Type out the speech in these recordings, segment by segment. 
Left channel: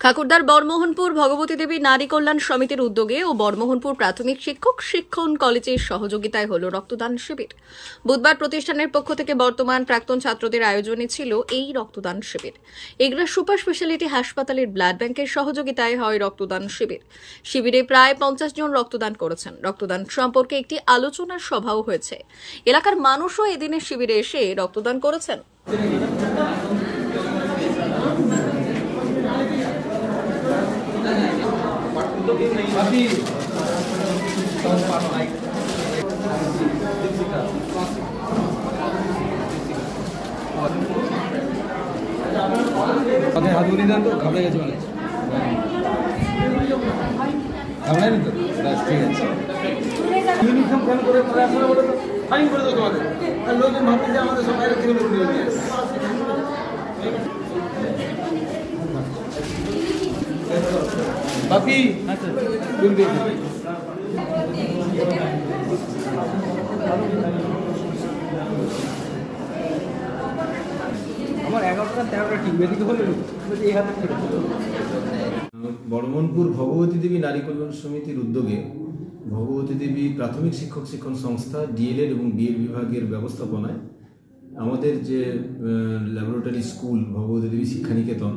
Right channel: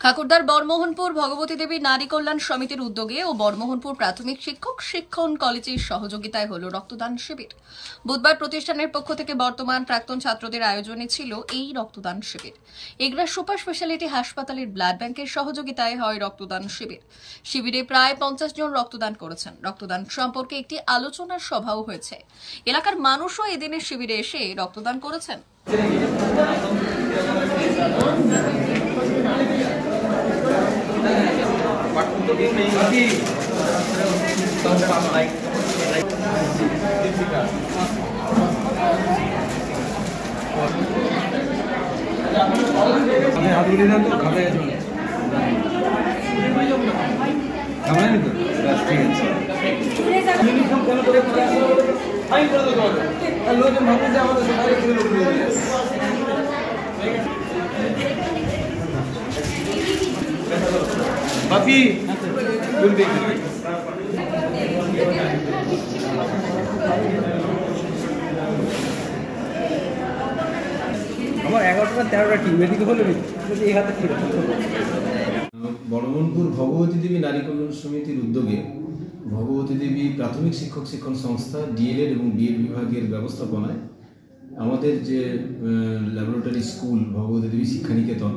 ঠাকুরদার বর্মোহনপুর ভগবতী দেবী নারী কল্যাণ সমিতির উদ্যোগে ও বর্মোহনপুর প্রাথমিক শিক্ষক শিক্ষণ কলেজের সহযোগিতায় হল রক্তদান শিবির। বুধবার প্রতিষ্ঠানের পক্ষ থেকে বর্তমান প্রাক্তন ছাত্রদের আয়োজনে ছিল এই রক্তদান শিবির। এগরা সুপার স্পেশালিটি হাসপাতালের ব্লাড ব্যাংকের সহযোগিতায় হয় রক্তদান শিবির। শিবিরে প্রায় 50 জন রক্তদান করেছেন। রক্তদান সম্পর্কে একটি আলোচনার সভাও হয়েছে। এলাকার মানুষও এদিনের শিবিরে এসে রক্তদান করেছেন। बाकी तुम देख বর্মোহনপুর ভগবতী দেবী নারী কল্যাণ সমিতির উদ্যোগে ভগবতী দেবী প্রাথমিক শিক্ষক শিক্ষণ সংস্থা ডিএলএড এবং বিএড বিভাগের ব্যবস্থাপনায় আমাদের যে ল্যাবরেটরি স্কুল ভগবতী দেবী শিক্ষানিকেতন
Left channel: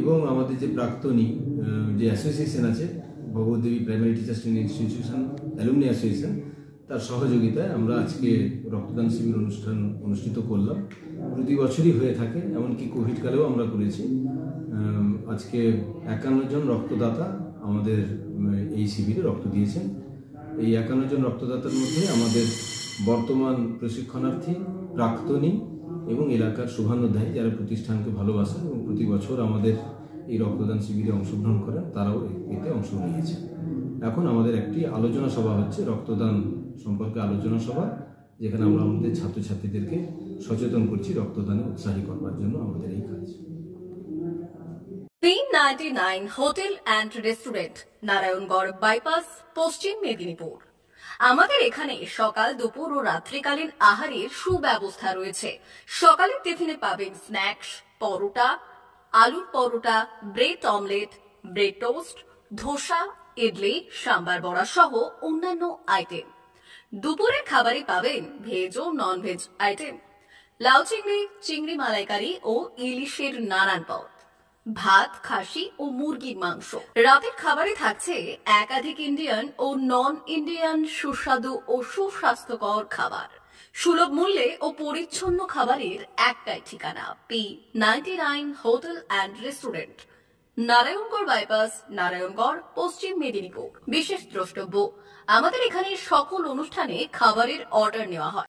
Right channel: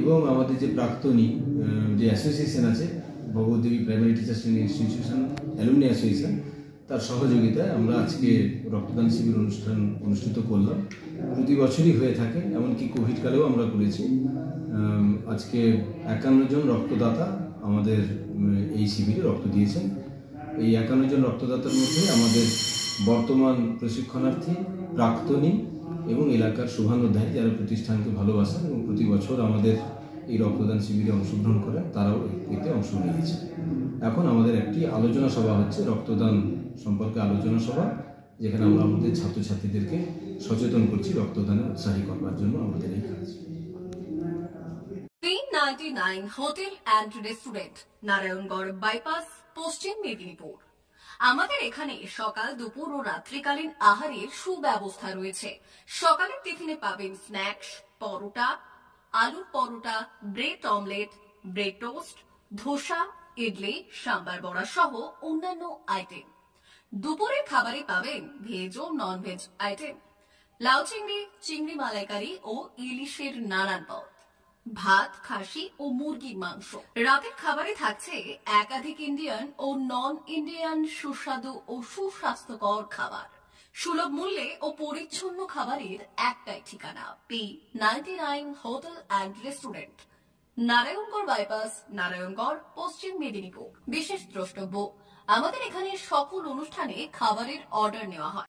এবং আমাদের যে প্রাক্তনী যে অ্যাসোসিয়েশন আছে Bhagabati Devi primary teachers training institution alumni association, তার সহযোগিতায় আমরা আজকে রক্তদান শিবির অনুষ্ঠিত করলাম। প্রতি বছরই হয়ে থাকে, এমনকি কোভিডকালেও আমরা করেছি। আজকে 51 জন রক্তদাতা আমাদের এই শিবিরে রক্ত দিয়েছেন। এই 51 জন রক্তদাতার মধ্যে আমাদের বর্তমান প্রশিক্ষণার্থী, প্রাক্তনী এবং এলাকার শুভানুধ্যায়ী যারা প্রতিষ্ঠানকে ভালোবাসেন এবং প্রতি বছর আমাদের এই রক্তদান শিবিরে অংশগ্রহণ করেন, তারাও এতে অংশ নিয়েছে। এখন আমাদের একটি আলোচনা সভা হচ্ছে, রক্তদান সম্পর্কে আলোচনা সভা, যেখানে আমরা আমাদের ছাত্রছাত্রীদেরকে সচেতন করছি রক্তদানে উৎসাহী করবার জন্য আমাদের এই কাজ। 399 hotel and restaurant, Narayangarh bypass, পশ্চিম মেদিনীপুর। আমাদের এখানে সকাল, দুপুর ও রাত্রিকালীন আহারের সুব্যবস্থা রয়েছে। সকালের টিফিনে পাবেন স্ন্যাক্স, পরোটা, আলুর paratha, bread omelette, bread toast, dosa, idli, sambar vada সহ অন্যান্য আইটেম। দুপুরের খাবারে পাবেন ভেজ ও নন ভেজ আইটেম, লাউ চিংড়ি, চিংড়ি মালাইকারি ও ইলিশের নানান পদ, ভাত, খাসি ও মুরগির মাংস। রাতের খাবারে থাকছে একাধিক ইন্ডিয়ান ও নন ইন্ডিয়ান সুস্বাদু ও সুস্বাস্থ্যকর খাবার। সুলভ মূল্যে ও পরিচ্ছন্ন খাবারের একটাই ঠিকানা, P99 hotel and restaurant, Narayangarh bypass, Narayangarh, পশ্চিম মেদিনীপুর। বিশেষ দ্রষ্টব্য, আমাদের এখানে সকল অনুষ্ঠানে খাবারের অর্ডার নেওয়া হয়।